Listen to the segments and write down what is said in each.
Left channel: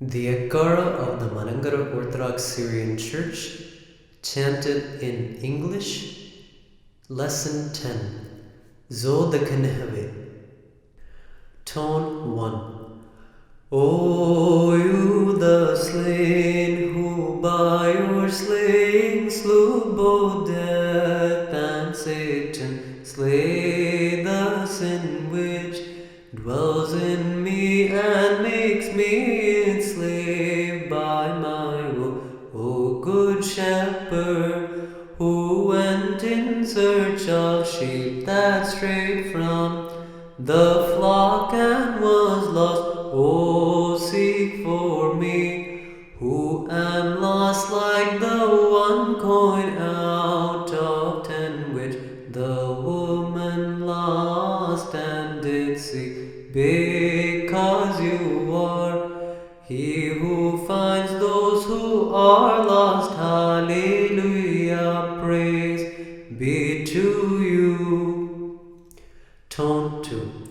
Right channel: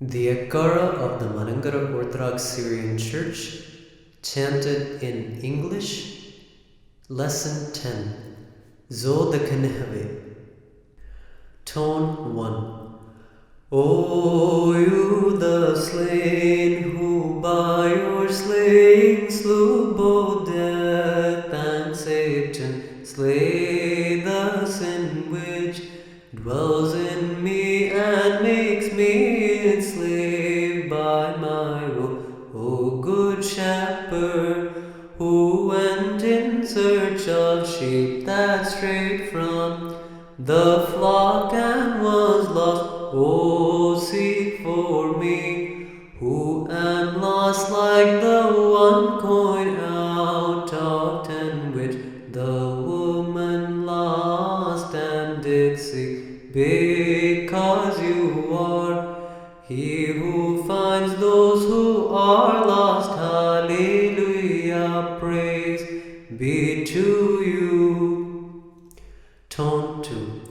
The Ekara of the Manangara Orthodox Syrian Church, chanted in English, Lesson 10, Zod the Knehve. Tone 1. O you the slain, who by your slaying slew both death and Satan, slay the sin which dwells in me and makes me its slave by my will. O good shepherd, who went in search of sheep that strayed from the flock and was lost, O seek for me, who am lost like the one coin out of 10 which the woman lost and did seek, because you are he who finds those who are lost. Hallelujah, praise be to you. Tone 2.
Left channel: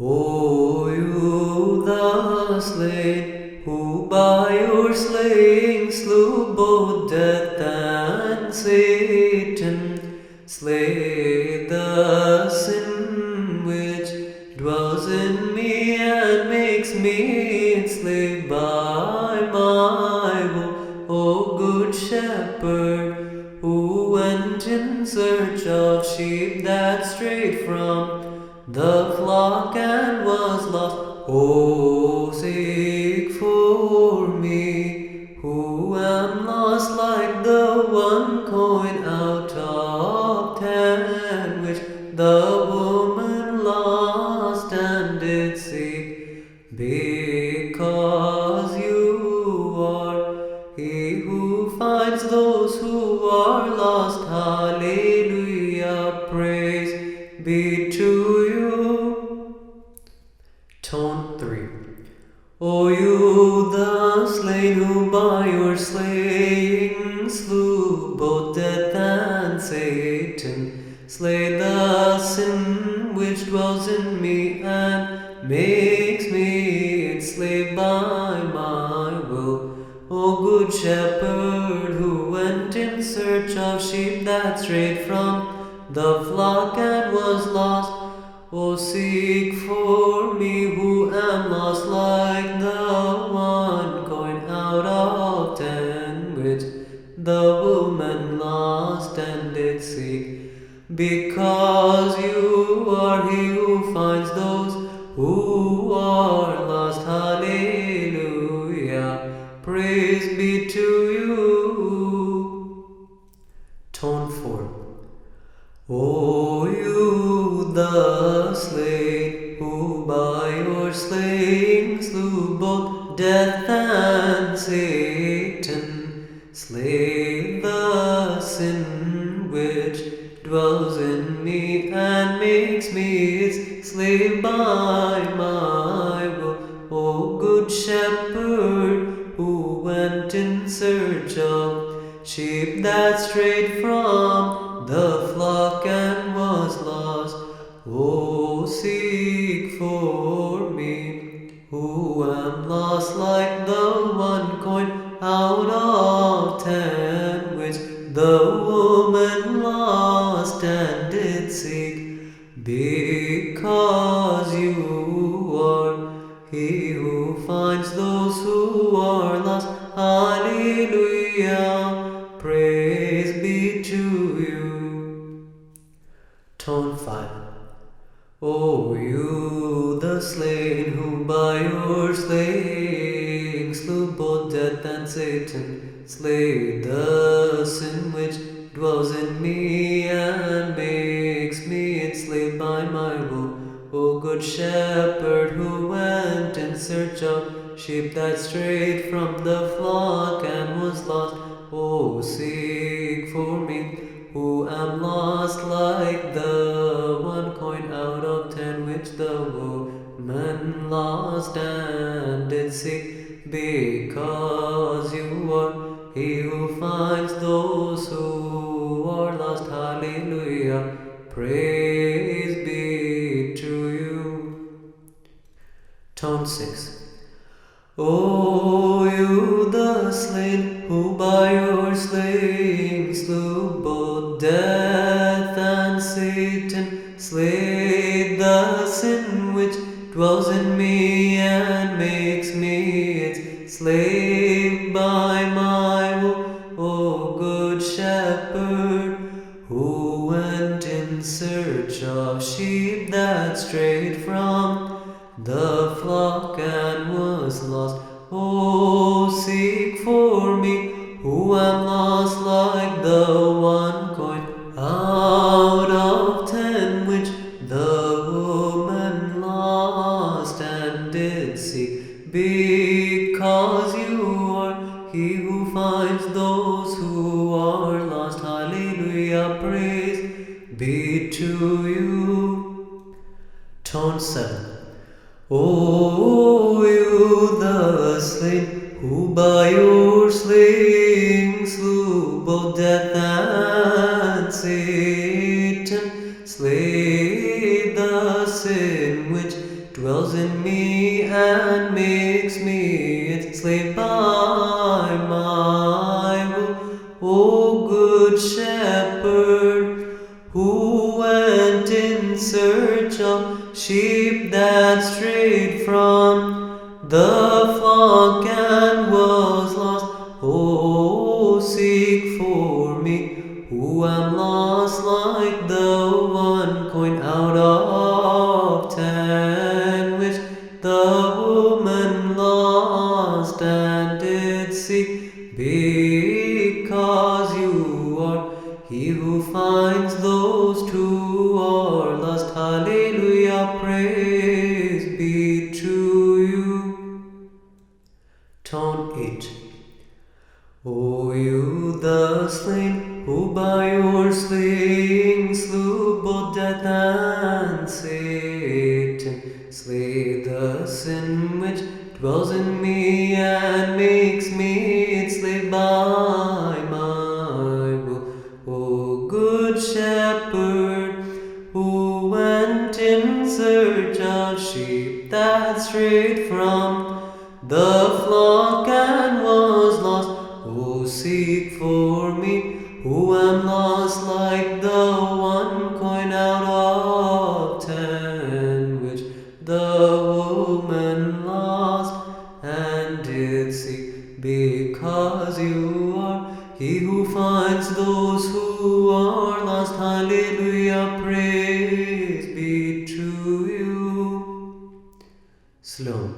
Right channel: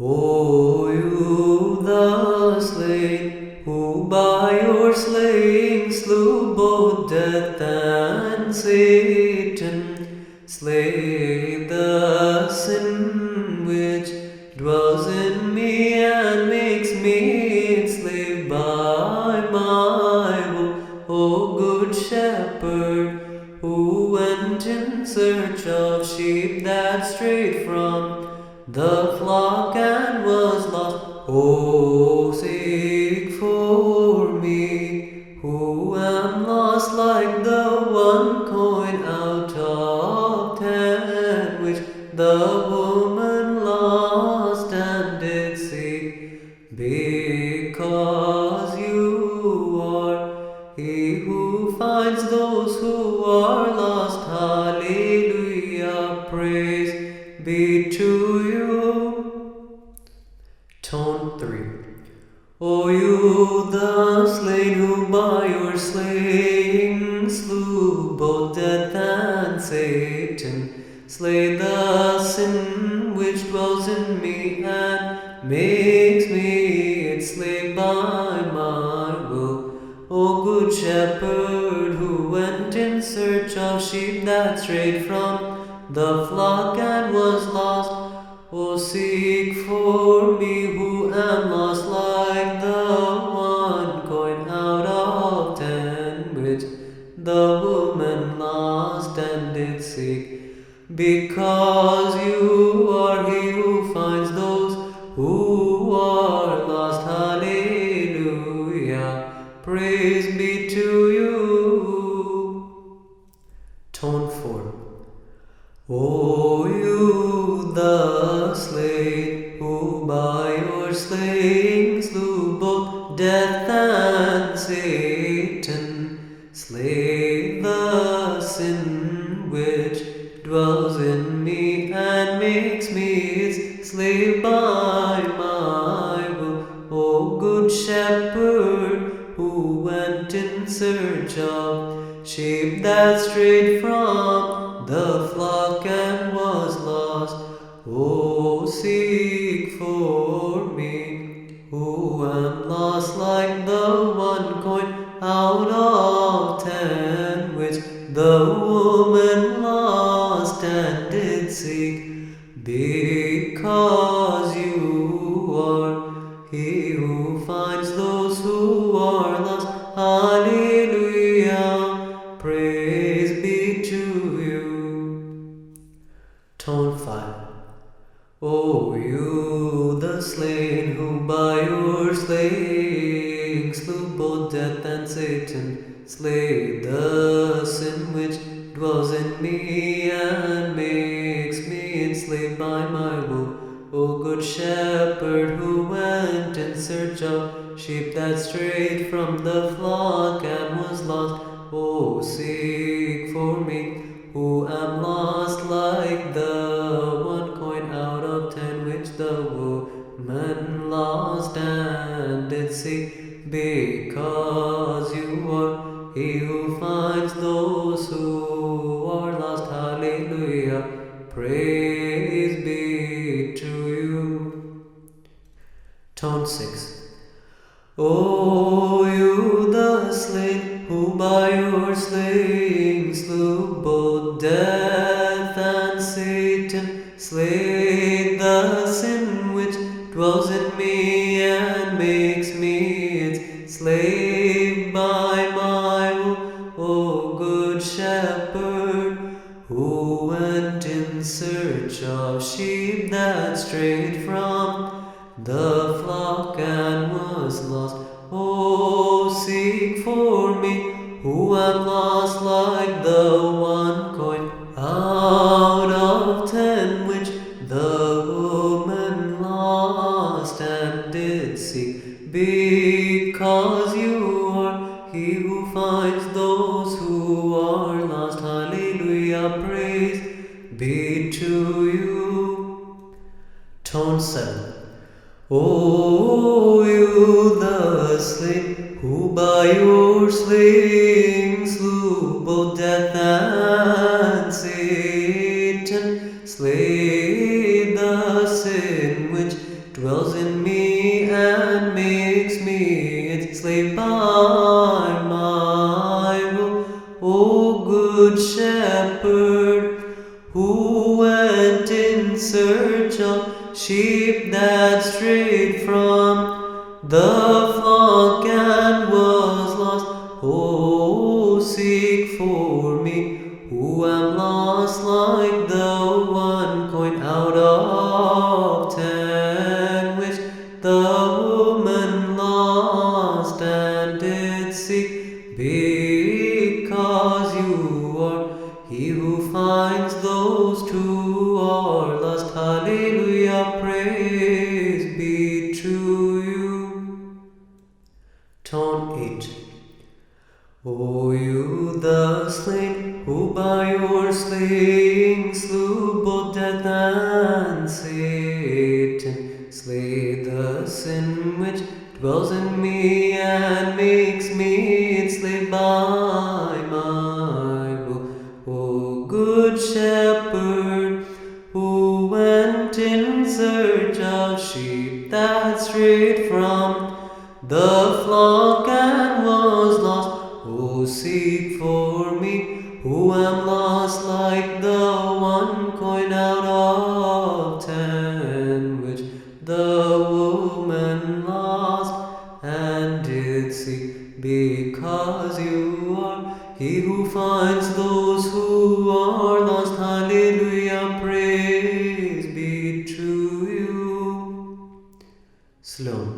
O you the slain, who by your slaying slew both death and Satan, slay the sin which dwells in me and makes me its slave by my will. O good shepherd, who went in search of sheep that strayed from the flock and was lost, O seek for me, who am lost like the one coin out of 10 which the woman lost and did seek, because you are he who finds those who are lost. Hallelujah, praise be to you. Tone 3. O you the slain, who by your slaying slew both death and Satan, slay the sin which dwells in me and makes me its slave by my will. O good shepherd, who went in search of sheep that strayed from the flock and was lost, O seek for me, who am lost like the one coin out of 10 which the woman lost and did seek, because you are he who finds those who are lost. Hallelujah, praise be to you. Tone 4. O you the slain, who by your slaying slew both death and Satan, slay the sin which dwells in me and makes me its slave by my will. O good shepherd, who went in search of sheep that strayed from the flock and was lost, O seek for me, who am lost like the one coin out of 10 which the woman lost and did seek, because you are he who finds those who are lost. Hallelujah, praise be to you. Tone 5. O you the slain, who by your slaying slew both death and Satan, slay the sin which dwells in me and makes me its slave by my will. O good shepherd, who went in search of sheep that strayed from the flock and was lost, O seek for me, who am lost like the one coin out of 10 which the woman lost and did seek, because you are he who finds those who are lost. Hallelujah, praise be to you. Tone 6. O you the slain, who by your slaying slew both death and Satan, slay the sin which dwells in me and makes me its slave by my will. O good shepherd, who went in search of sheep that strayed from the flock and was lost. Oh, seek for me, who am lost like the one coin out of 10 which the woman lost and did seek, because you are he who finds those who are lost. Hallelujah, praise be to you. Tone 7. O you the slain, who by your slaying slew both death and Satan, slay the sin which dwells in me and makes me its slave by my will. O good shepherd, who went in search of sheep that strayed from the flock and was lost. Oh, seek for me, who am lost like the one coin out of 10 which the woman lost and did seek, because you are he who finds those who are lost. Hallelujah, praise be to you. Tone 8. O you the slain, who by your slaying slew both death and Satan, slay the sin which dwells in me and makes me its slave by my will. O good shepherd, who went in search of sheep that strayed from the flock and was lost. O seek for me, who am lost like the one coin out of 10 which the woman lost and did seek, because you are he who finds those who are lost. Hallelujah, praise be to you. Slow.